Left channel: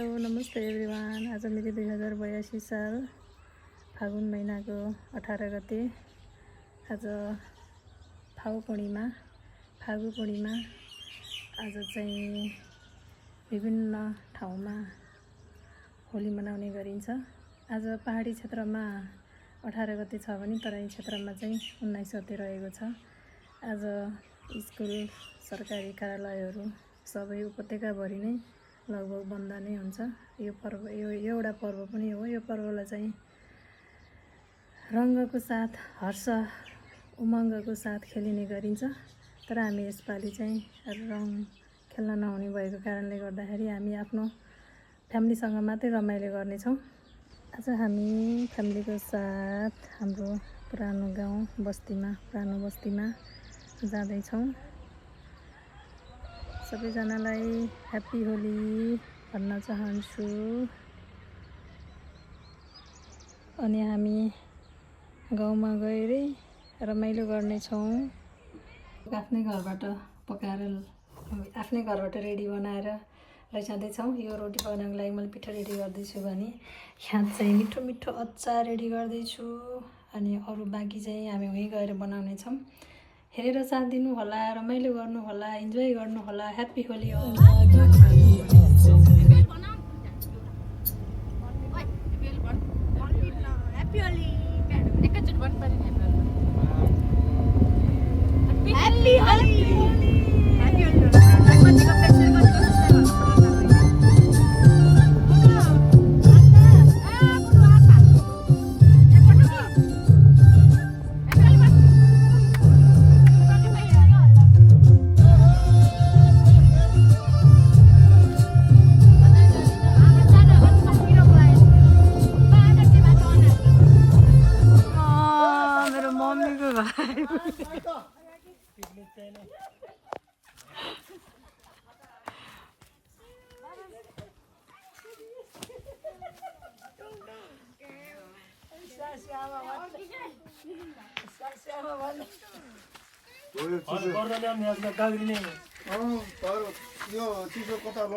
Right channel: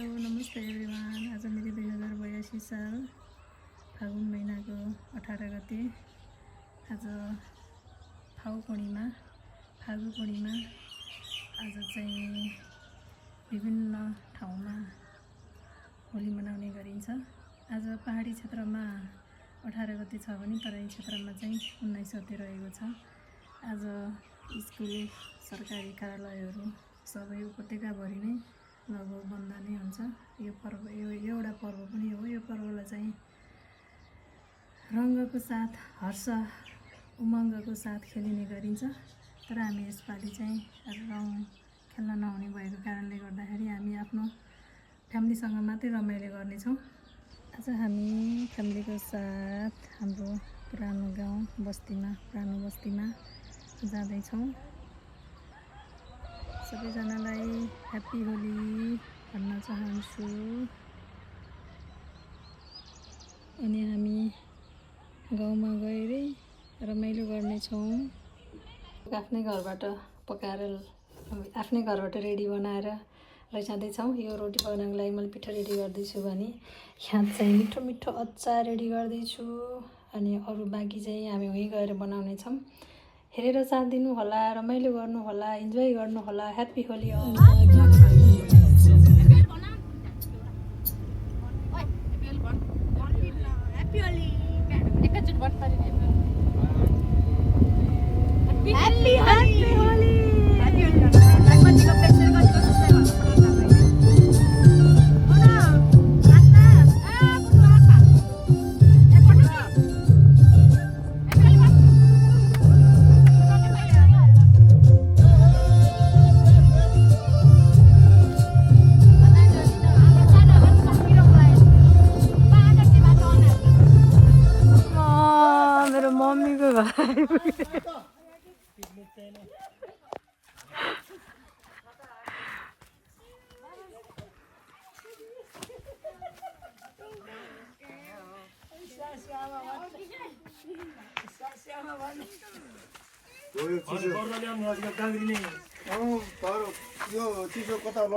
नमस्ते एभ्रिवान। आज मेरो 2082 साल फागुन महिनाको 18 गते आज फागु पूर्णिमा। आज चाहिँ विभिन्न ठाउँमा होली मनाउने गरिन्छ। आज पहाडी क्षेत्रमा 18 गते छ भने तराई क्षेत्रमा चाहिँ 19 गते रहेको छ। आज स्कुल सरकारी कार्यालयहरू सबै उपत्यकाभरि नै लगभग बन्द नै हुन्छ। यो पर्व एउटा पर्व पनि हो। यो पर्वलाई चाहिँ रङ्गको साथ हर्ष उमङ्गको साथ खेलिने गरिन्छ। तर हामी यसपालि चाहिँ रङ खेल्न नहुने भएको कारणले गर्दाखेरि हामी आफ्नो फ्यामिलीसँग मात्रै रमाइलो गर्नेछौँ। आज हामी फ्यामिलीको साथ हाम्रो पुरानो बस्तीमा जाँदैछौँ। सबैजनालाई ह्याप्पी होली भन्न चाहन्छु। अनि हामी गाउँमा गएरै रमाइलो गर्नेछौँ। आफ्नै घरबाट पकाएर आफ्नै घरबाट रेडी बनाएर लैजाँदैछौँ। यो रोटी बनाउनको लागि मैले पिठो रेडी गर्दैछु भने यहाँ चाहिँ मिठो मिठो अचार रेडी गर्दैछु। अनि अरू बाँकी चाहिँ हामी उहीँ गएर बनाउनेछौँ। हेरेर साथ दिनु होला, रमाइलो गर्नु होला, इन्जोय गर्नु होला। ह्याप्पी होली।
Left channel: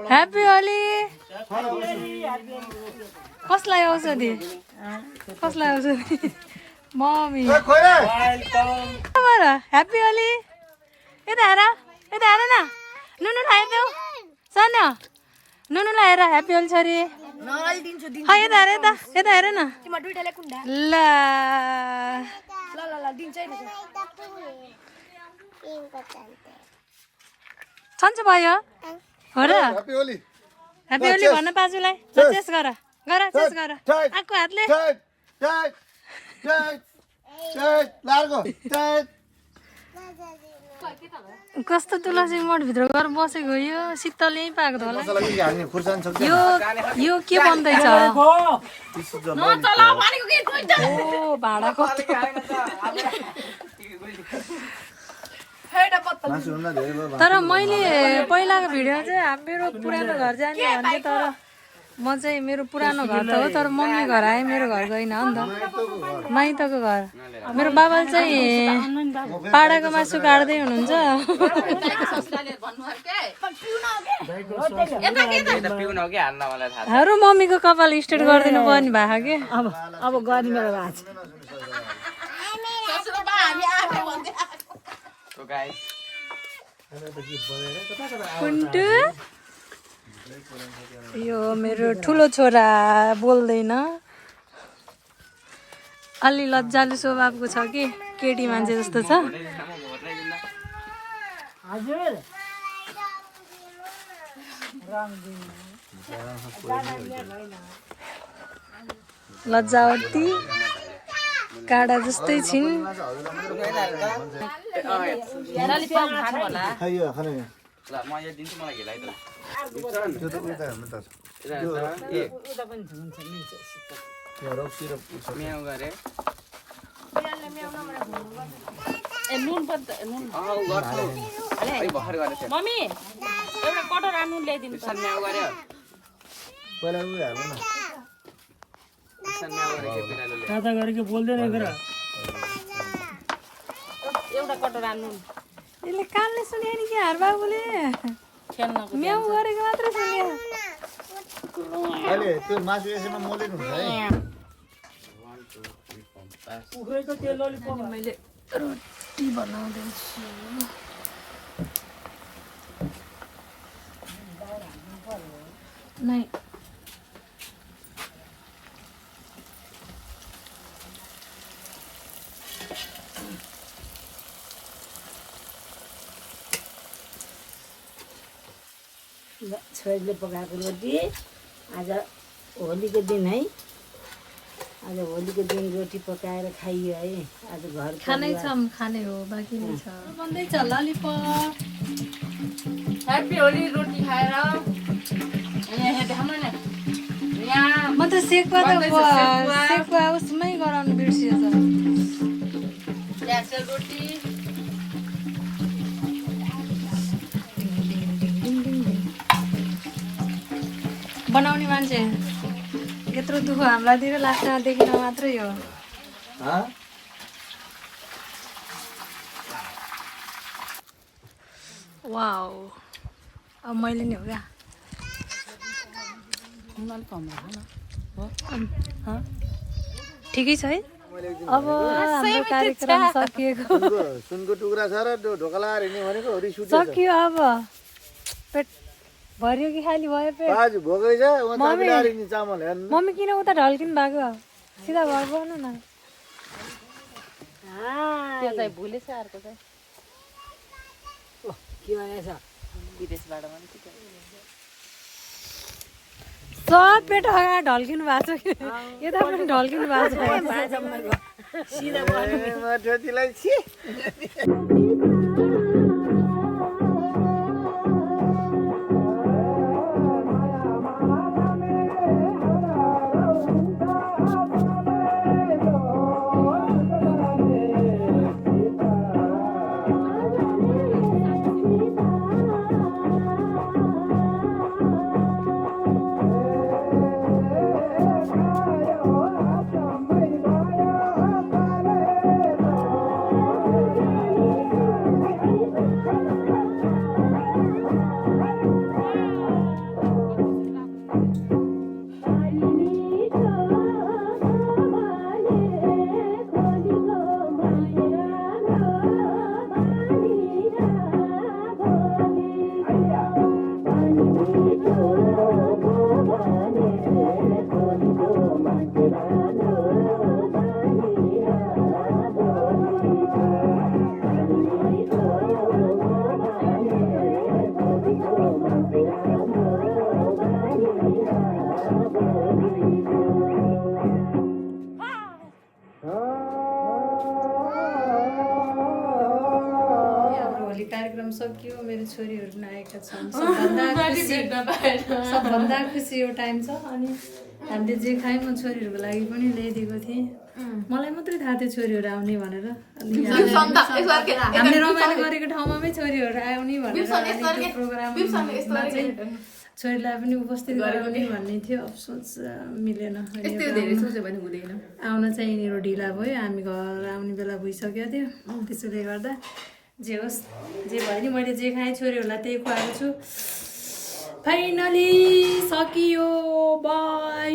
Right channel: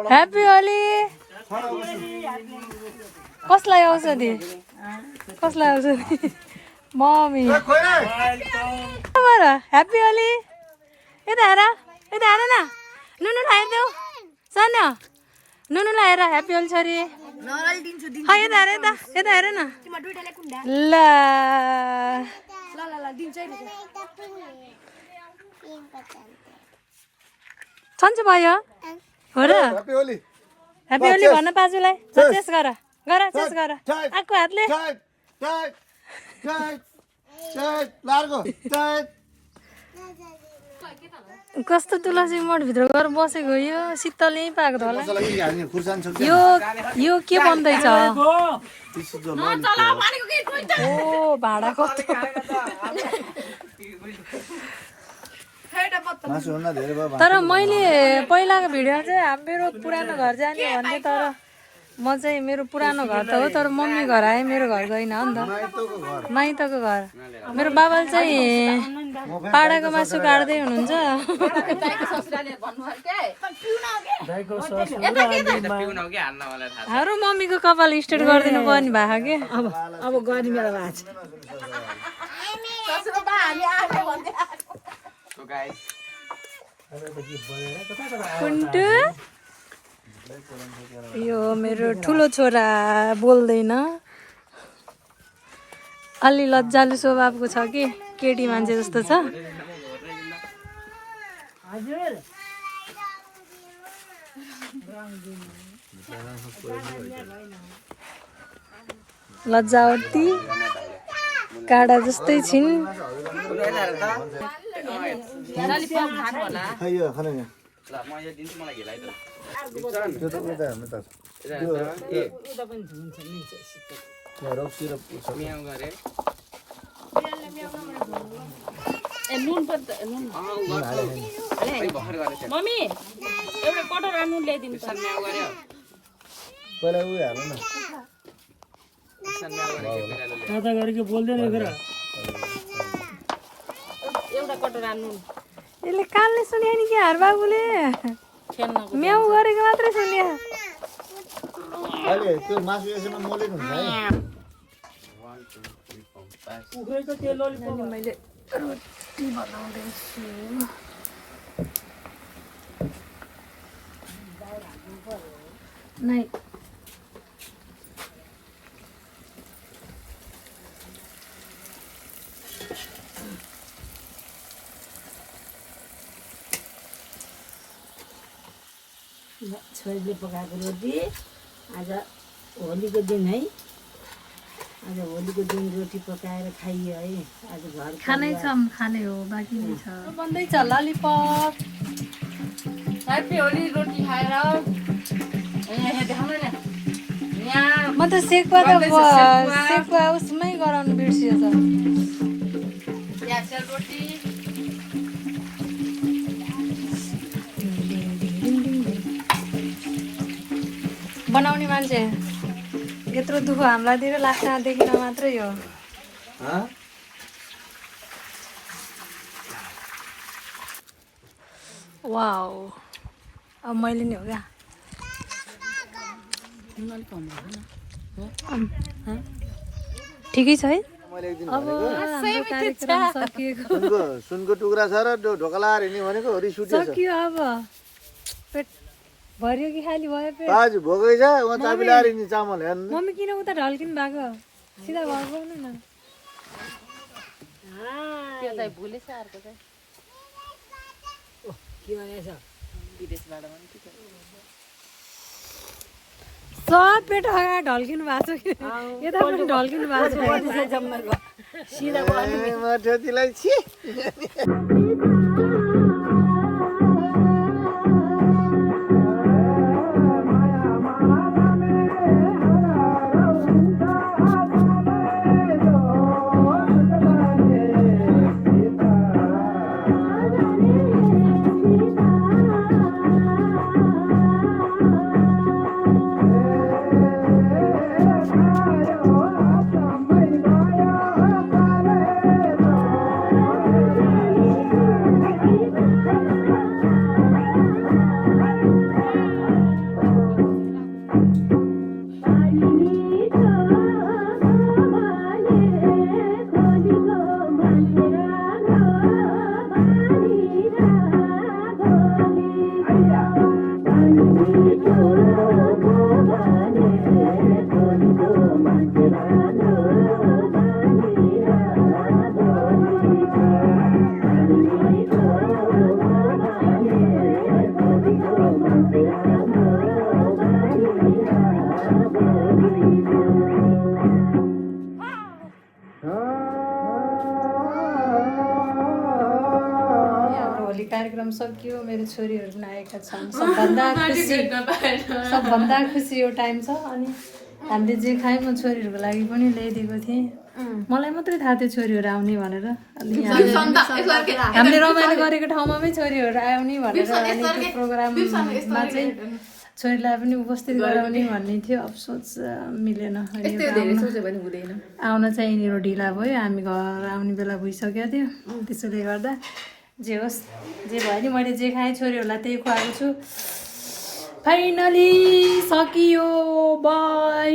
ह्याप्पी होली। कसलाई औषधि मम्मी ह्याप्पी होली। यता हेर न, नुनु लगाइदेऊ सन, नुनु लगाएर ह्याप्पी होली छोरी। यता हेर न ल सन्चो भयो हो र। ह्याप्पी होली भन्न बाजुलाई। चेस गर आएको हातले। कस्तो तुलसी मठभित्र गएर बसेको यो शीतल यहीँ पाएको होला। यो के बन्दैछ? ओ भाडा कस्तो। तर मैले पहिलाको भिडियो चाहिँ मेरो पुरानो घर जाने भन्थेँ। तर म चाहिँ मेरो पुरानो घर त हो, तर मम्मी घर आएँ, मेरो घर गइनँ हो नि त, माइतको घर। मेरो बाबाले चाहिँ पाडाको मासु काट्दै हुनुहुन्छ। हारो मम्मीको कपाल स्ट्रेट गरिदिनु पर्ने भएको के। अब गर्ने मेरो भएको छ। कुन्टु यो मेरो ठुलो छोरा बोल्दैन, अलि लज्जालु स्वभावको छ कि केटी मान्छे जस्तो छ। लज्जावती काडा जस्तै छिन्। मम्मी एउटा कटोरा नुन ल्याइदिनु। दादा गरेको बोल्दैन एउटा कटोरा नुन। यसले कानले सुन्यो नि के हार बाबुले म्याउ गरेको मात्रै सुन्यो। अहिले त्यो मासु यसैमा मोलेको हुन्छ है अनि मैले रोटी बनाउँदैछु नै छोरीले पकाएको रोटी आज होलीको दिन है आज होलीको दिन रोटी पकाएर खाइयो है आज घर खानै छ खाने हो बाँकी नै छ बन्दैछ ललिपप ह्याप्पी होली रोटी खाएर यहाँ देखाउनु न यहाँ म त सेकुवा उसमै गराउनु बिर्सियो त ग्यासर रोटी बनाउने मान्छे यत्रो दुःख हामीलाई दिएर लास्टमा देखिन मात्रै हो वाउ अब मैले नि हो क्या ठिकै छ है अब हाम्रो कार्यक्रम सकिएको सुनको टुक्रा छ र ढोकला हेर्ने भनेको रिस उठ्यो सकियो अब पेट भरियो कि खाली भयो पेट आज भोकै छ उ तपाईँले आएर नि चामल हेर्नु मम्मी किन उता ढल्किनु भएको सिधा घर गएन न त्यो चाहिँ भुलेछ अर्को चाहिँ के भनेछ विदेशबाट पनि के सब पेट अगाडि ढल्किनु भएको छ कि यता पनि ढल्किनु भएको छ म ठेतीलाई छि भोलि कार्यक्रम सकियो मेरो छोरीहरू पनि आएका छन् सबभन्दा खुसी यो टाइम छ अनि हामीले जे खायौँ म छोरीहरूको लागि पनि ल्याइदिएको थिएँ मलाई मात्रै थाहा थियो छोरीहरू आउने भनेर हामीले रमाइलो गरेको ठाउँमा छोरीहरू आउने भनेर त्यो प्रोग्राममा चाहिँ छोरीलाई पनि उपस्थित गराउने भन्ने थियो अफसोस मिलेन आउन चाहिँ यिनीहरू ढिला भयो हामी घर आउने बेला भइसकेको थियो त्यसोले गर्दा जे होस् जे भयो नि मैले जे खाएँ छोरीहरूलाई त्यही खुवाएको छु फाइनली सकियो बाई